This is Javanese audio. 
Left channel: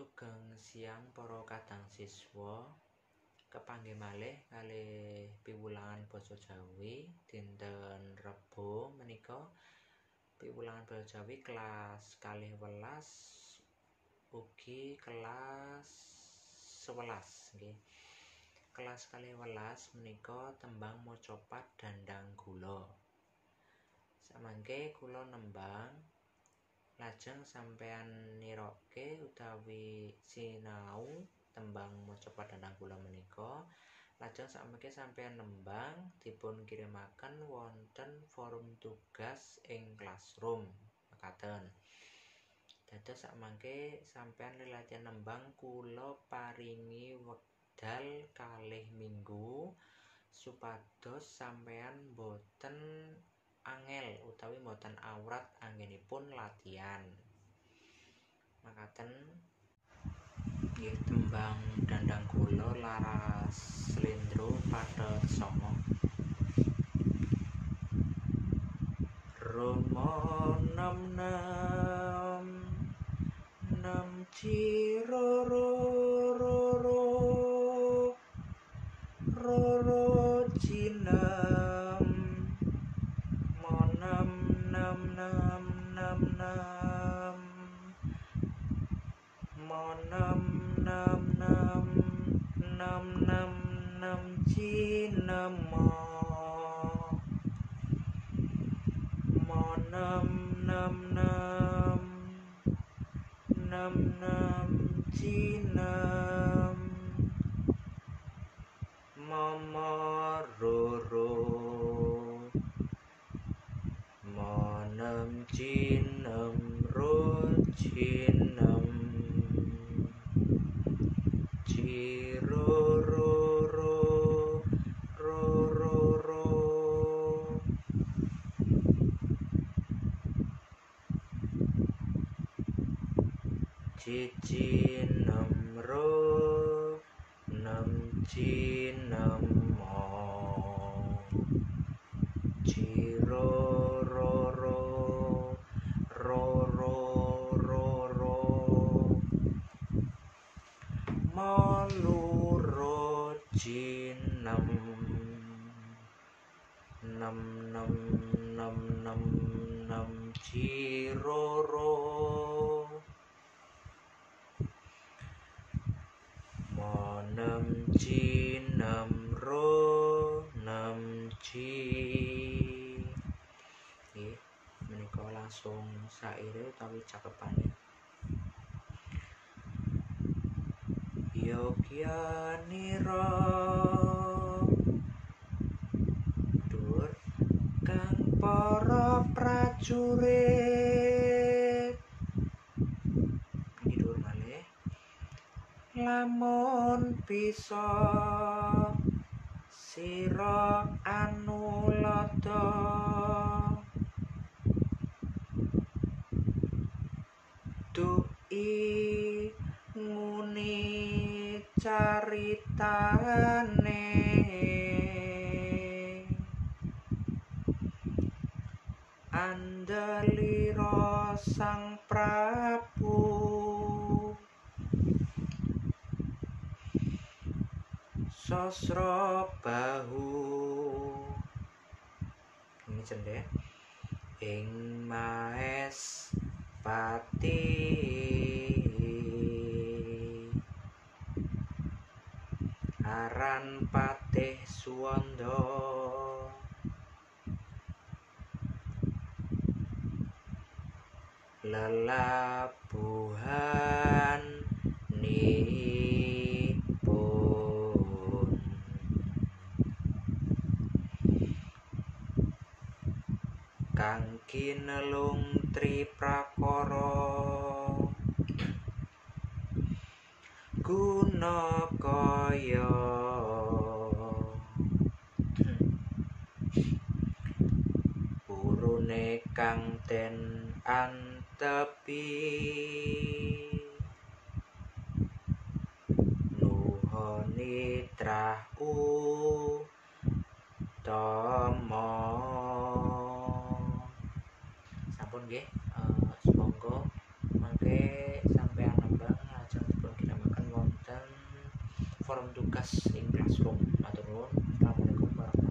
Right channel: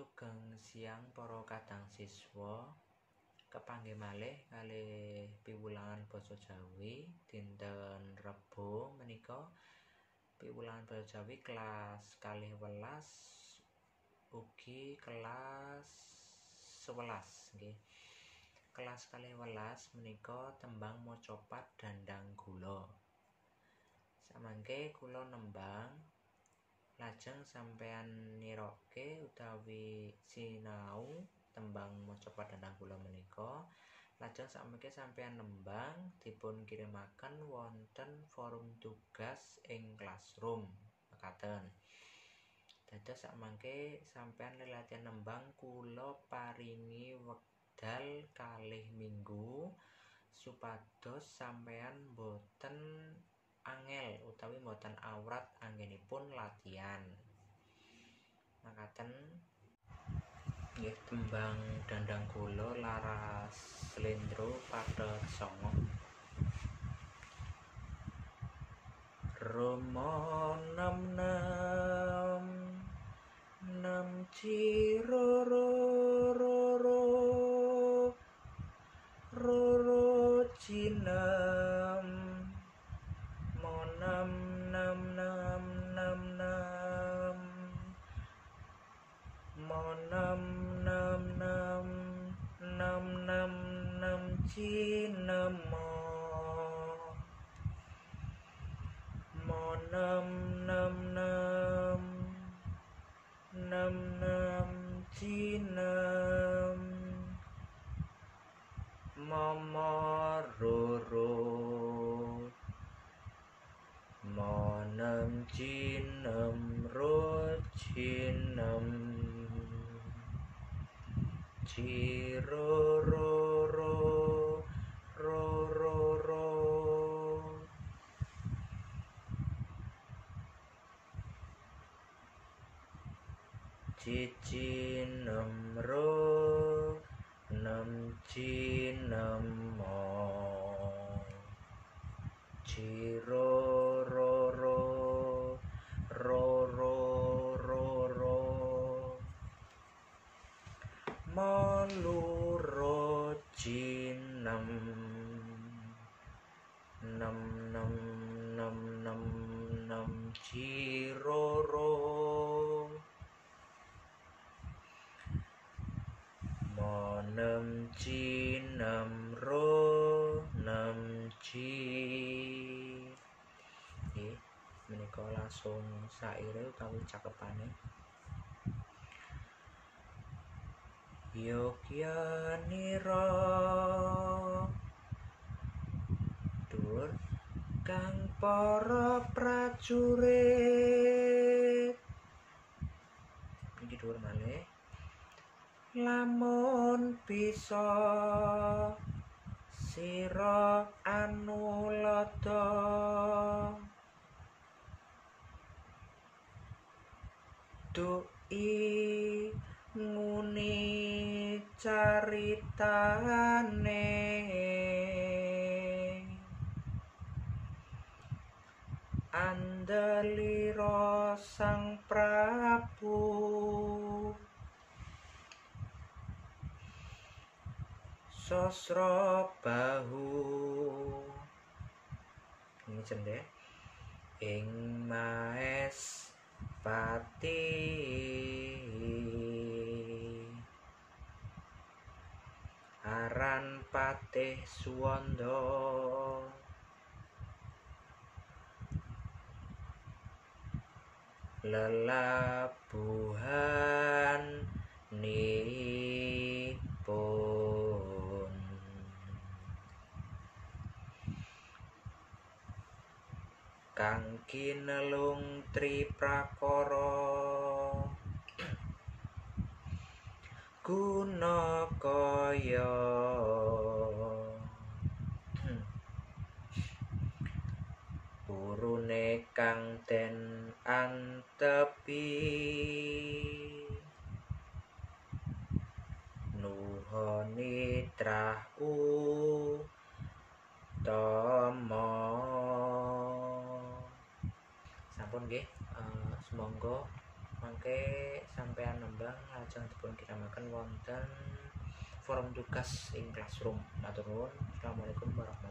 Sugeng siang para kadang siswa, kepanggih malih kalih piwulangan basa Jawi dinten Rebo menika. Piwulangan basa Jawi kelas 12 ugi kelas 11 nggih. Kelas 12 menika tembang mocopat dandang gula. Samangke kula nembang lajeng sampeyan nirokke utawi sinau tembang mocopat dandang kula menika. Lajeng samangke sampeyan nembang dipun kirimaken wonten forum tugas ing Classroom mekaten. Dados samangke sampeyan lelatihan nembang kula paringi wekdal 2 minggu supados sampeyan boten angel utawi mboten awrat anggenipun latihan. Makaten nggih tembang dandang kula laras slendro pathet 9. Rama nem nem ciroro roro cinem monem nem monem nem cinemo monem nem cinem momororo monem cinem ro cinem ciroro roro cicinem ro nem cinemo ciroro roro moluro cinem nem ciroro monem cinem ro nem ci. Nggih, menika langsung saire utawi cakepane. Yogyanira dur kang para prajurit iki dur malih lamun bisa sira anulada dui nguni caritane andelira Sang Prabu Sasrabahu ini cendek ing Maespati aran Patih Suwanda lelabuhan nipun kang kinelung triprakara gunakaya urune kang den antepi nuhoni trah utama. Sampun nggih, semangga mangke sampeyan nembang lajeng dipun kiramaken wonten forum tugas ing Classroom. Matur nuwun. Assalamualaikum warahmatullahi wabarakatuh.